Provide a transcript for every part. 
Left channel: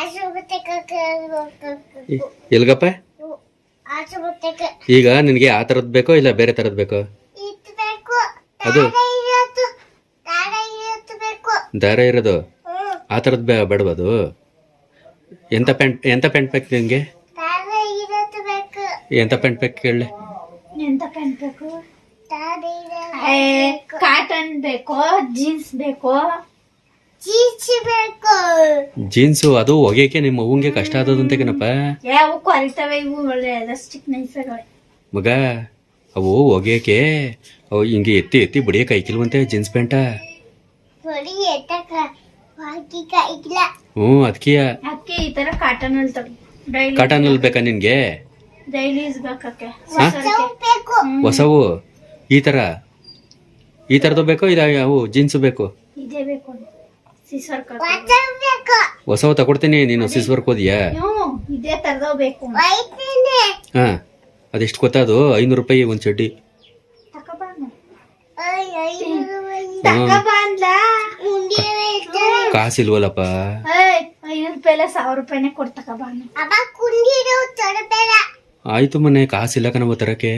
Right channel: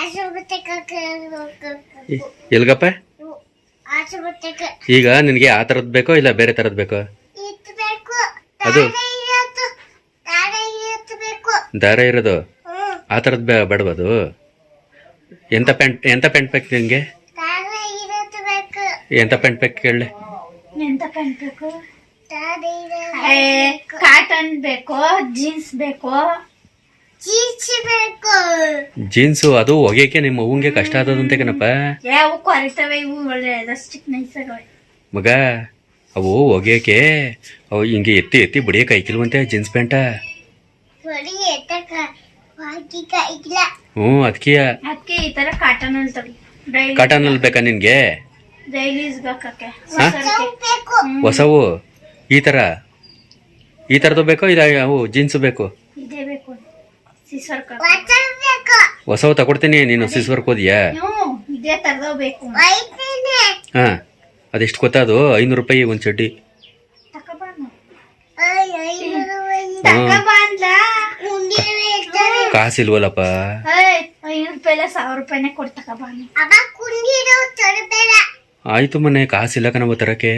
ಎಲ್ಗಪ್ಪ ಈಗ ನಿನಗೆ ಆ ಥರದ್ದು ಬೇಕೋ ಇಲ್ಲ ಬೇರೆ ಥರದ್ದು ಬೇಕೋ? ಅದು ದಾರ ಇರೋದು ಆ ಥರದ್ದು ಬೇಡವದು. ಎಂಥ ಪ್ಯಾಂಟ್ ಬೇಕು ನಿನಗೆ? ಎಂಥ ಪ್ಯಾಂಟ್ ಬೇಕು ಹೇಳಿ? ಎಂತ ಪ್ಯಾಂಟ್ ಬೇಕು? ಕಾಟನ್ ಬೇಕು, ಜೀನ್ಸ್ ಬೇಕು. ಜೀನ್ಸು ಅದು ಒಗೆಯಕ್ಕೆ ನಿಮ್ಮ ಅವ್ವಂಗೆ ಕಷ್ಟ ಆದದಂತೆ ಕಣಪ್ಪ. ಯಾವ ಕೊರಿತವೆ ಇವು ಒಳ್ಳೆ ಎಲಾಸ್ಟಿಕ್ ನೈಸ್ ಆಗವೆ ಮಗ. ಅವು ಒಗೆಯಕ್ಕೆ ಅವು ಹಿಂಗೆ ಎತ್ತಿ ಎತ್ತಿ ಬಡಿಯಕ್ಕೆ ಐಕಿಲ್ವಂತೆ ಜೀನ್ಸ್ ಪ್ಯಾಂಟ. ಹ್ಞೂ ಅದಕ್ಕೆ ಈ ತರ ಕಾಟನ್ ಅಲ್ಲಿ ಕಾಟನ್ ಅಲ್ಲಿ ಬೇಕಾ ನಿನ್ಗೆ? ಡೈಲಿ ಯೂಸ್ ಬೇಕಕ್ಕೆ ಹೊಸವು ಈ ಥರದ್ದು ಬೇಕೋ ಇಲ್ಲ ಅವು ಜೀನ್ಸ್ ಬೇಕು? ಇದೇ ಬೇಕು. ಸಿಸ್ವರ್ ಹೊಸವು ತಗೊಡ್ತೀನಿ. ನೀನು ಸಿಸ್ವರ್ಕ್ ಹೋದಿಯಾ? ಇದೇ ತರದವ್ ಬೇಕು. ಹಾಂ ಅದೆಷ್ಟು ಗೊತ್ತಾ? ಅದು 500 ರೂಪಾಯಿ ಒಂದು ಚಡ್ಡಿ. ಕಾಸಿಲ್ವಲ್ಲಪ್ಪ. 500 ರೂಪಾಯಿ 1000 ರೂಪಾಯಿನೇ ಕೊಟ್ಟು ತಗೋಬಾನು. ಆಯ್ತು ಮನೆ ಕಾಸಿಲ್ಲ ಕಣವ ತರಕ್ಕೆ.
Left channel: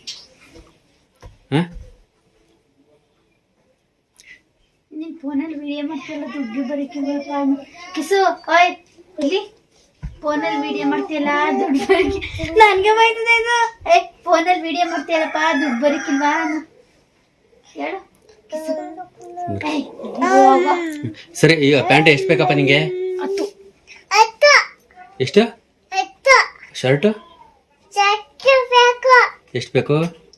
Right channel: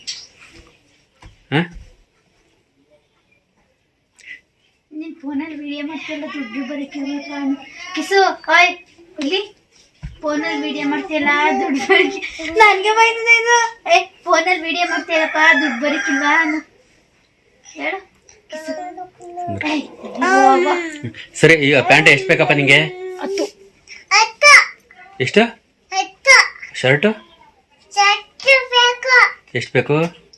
ಹಾಂ ನೀನು ಫೋನಲ್ಲಿ ವಿಡಿಯೋ ಮಾಡ್ತಿಲ್ಲ, ದುಡ್ಡು ಬರೀಕಿಲ್ವಪ್ಪ ಕಿಸು. ಓಯ್ ಇಲ್ಲಿ ಫೋನಲ್ಲಿ ವಿಡಿಯೋ ಮಾಡ್ತೀಯಲ್ಲ, ದುಡ್ಡು ಬರೀಕಿ. ನನಗೆ ಬೈತದೆ ಇದು. ಫೋನಲ್ಲಿ ವಿಡಿಯೋ ಮಾಡ್ತೀಯಲ್ಲಪ್ಪ, ದುಡ್ಡು ಬರೀಕಿಲ್ವಾ ಹೇಳು. ಸರಿ ಈಗ ಪ್ಯಾಂಟ್ ಎಷ್ಟು ಬೇಕಪ್ಪ ನಿಂಗೆ? ಎಷ್ಟು? ಶರ್ಟು ಎಷ್ಟು ಬೇಕು?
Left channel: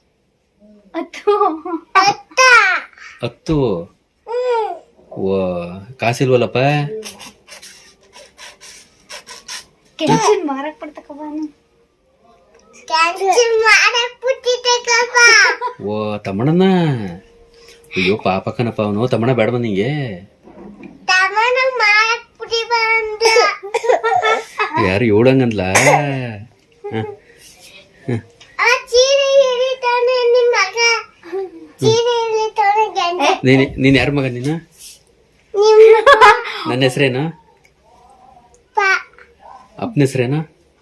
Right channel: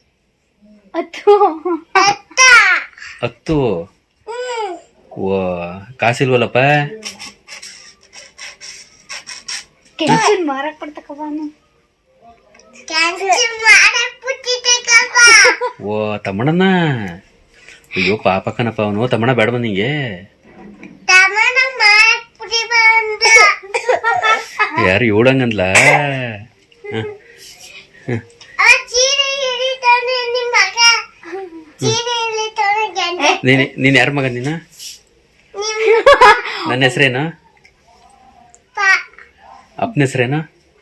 10. ಓ ಕಾಸಿಲ್ವಲ್ಲಪ್ಪ. ಮಾರಕ್ ಕೊಡ್ತಕ್ಕಬಾನು. ಓ ತಮ್ಮಣ್ಣನ. ಅಯ್ಯೋ ಪಾಪ ಕಣಪ್ಪ ಅವನು. ತಮ್ಮಣ್ಣ ಬೇಡ ನಿಂಗೆ? ಯಾರು ಹೇಳಂಗಂದ್ಲ? ನೀನ್ ಯಾರ ಮಗ? ನೀನು ನನ್ನ ಹೆಸ್ರೇನು? ಅಪ್ಪನ ಹೆಸ್ರೇನು?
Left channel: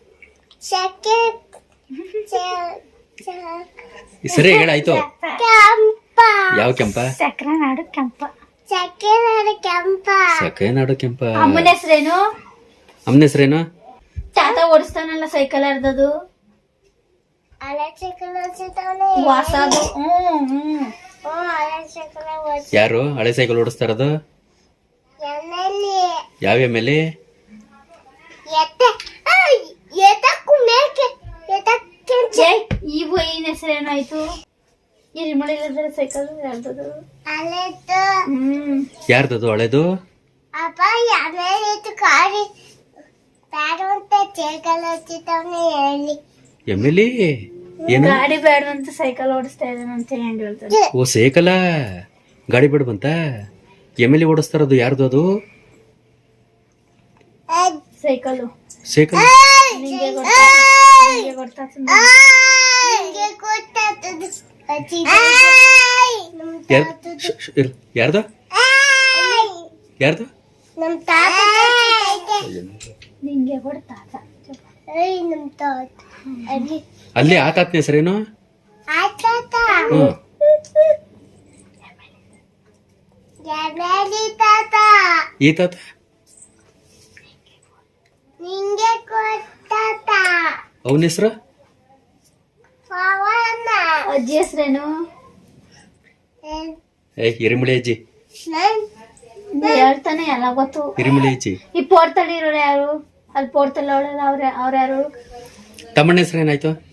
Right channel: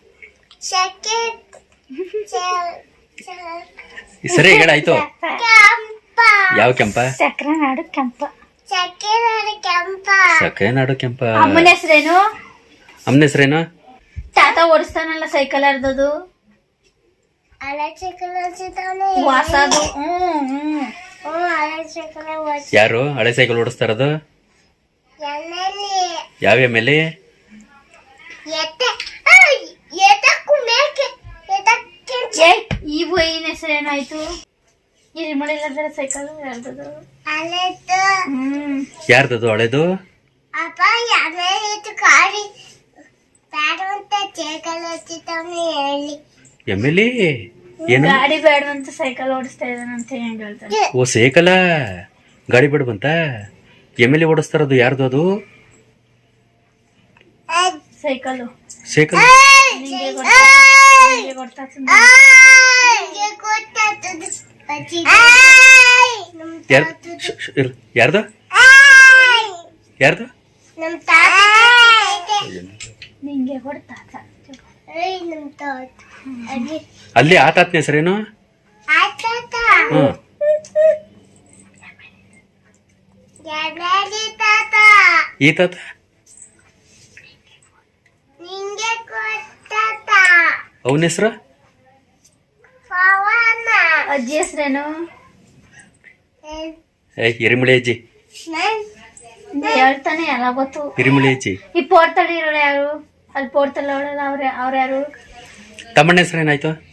ಸರಿ ಹೇಳಾಯ್ತು. ಯಾವ ಕೆಂಪ? ಸಕ್ಕರೆನಾಡು ಕೆಂಪ. ಸಕ್ಕರೆನಾಡು ಕೆಂಪ. ಅಮ್ಮನ ಹೆಸ್ರೇನು? ಅಮ್ಮನ ಹೆಸ್ರೇನು? ತಾತ ಓಡಿಸ್ತಾನಲ್ಲ ಸೈಕಲ್ ಅರ್ಧದು ಹೊಸದು. ಯಾರು ಹಳೆ ಸೈಕಲ್ ಓಡಿಸ್ತಾ ಇರೋದು? ಯಾವ ಎಮ್ಮೆಲಿ? ಇವು ಏನ್ ಹೆಸರೇನಾಯ್ತು? ಇಲ್ಲಿ ಮಾಡಿಲ್ಲ ಸೈಕಲ್ ಯಾರ್ದದು? ಯಾರ್ದದು ಹಳೆದು? ಎಮ್ಮೆಲಿ ಏನು ಗಾಡಿ ಬೇಡವಂತ ಸೈಕಲ್ ಓಡಿಸ್ತಾ ಇದ್ದಾನಂತ ಹೆಂಗ್ ಹೇಳ್ತಾರೆ? ಓ ಸೈಕಲ ಗಾಡಿ ಬೇಡವಂತ ಎಮ್ಮೆಲಿ ಓಡಿಸ್ತಾ ಇರೋದು ಯಾರ್ದು ಅದು? ಸೈಕಲ್ ಸೈಕಲ್ ಯಾರ್ದು? ಯಾರ್ದು? ನಿಂಗೆ ಕೊಡ್ತಾ ಅಲ್ಲಿ ಆ ತಾತನ ಹೆಸರೇನು? ಈ ತಾತ ಅವನ ಹೆಸರು? ಅಜ್ಜಿ ಹೆಸರೇನು? ಹಿರಿಮಳಿ ಅಜ್ಜಿ. ಹೇಳ್ತಾನೆ ಎಲ್ಲ ಗೊತ್ತು. ಹಿರಿಮಳಿ ಅಜ್ಜಿ. ಈ ಪೋರ್ತಲ್ಲಿ ಇರೋರು ಯಾರು? ಅಲ್ಲಿ ಪೋರ್ತಲ್ಲಿ ಅವಳೆಲ್ಲ ಅವ್ರ ಯಾರು? ತಮ್ಮಣ್ಣ ಹೆಸರೇನಾಯ್ತು?